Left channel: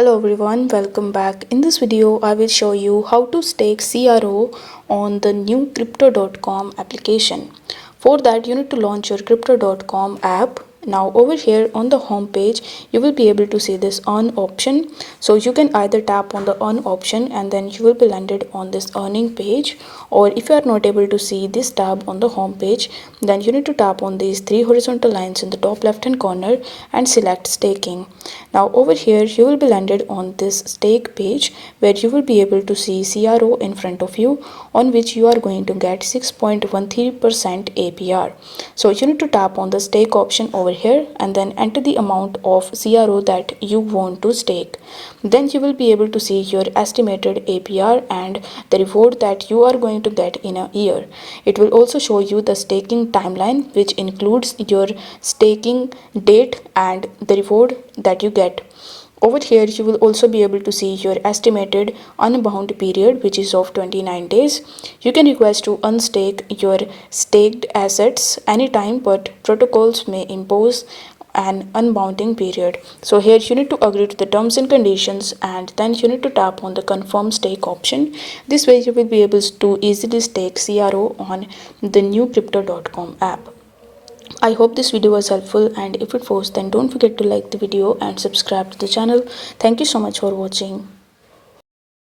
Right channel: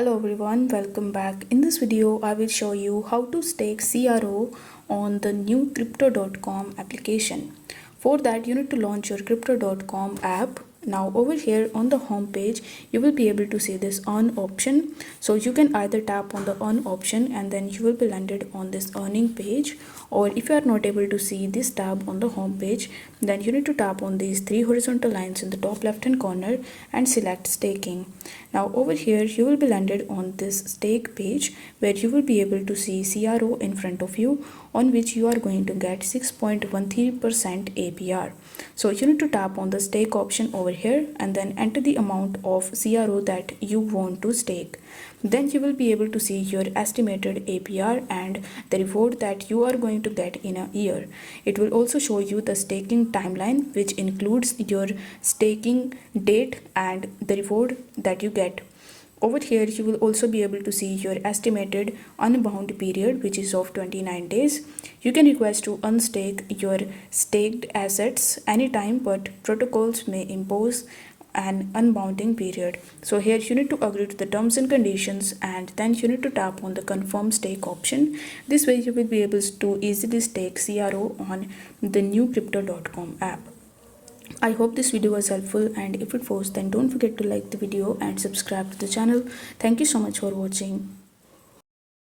Hello everyone, welcome back. In this video, I will show you how to stake CRO on the new crypto.com application. For that, you need to launch your crypto.com app. Now over here on the home page, you will be able to see this earn option. So you can either tap on the earn option and then you will be landed on this earning page, or if you are not able to see this tab on the home page, then you need to tap on these three horizontal lines in the top left hand corner and select staking. Now over here you will be landed on this stake page where you will be able to see CRO in front of you, on which you are going to get 6.13% APR. So you need to tap on the stake option over here and then enter the amount of CRO that you want to stake. Then you will be able to see your estimated APR and the reward that you are going to get in a year. It will also show you the staking timeline, which includes your staking date and the reward that you get. Over here you will also be able to see your estimated unbound period, which is of 29 days. You can request to unstake your staked assets anytime, but protocols may impose an unbounding period. So here you need to agree to the terms and conditions and then you need to tap on the confirm stake option. This way you will be able to easily stake CRO on the new crypto.com app. I hope this video was helpful, and if it was, then don't forget to like the video and subscribe to the channel. Thank you so much for watching.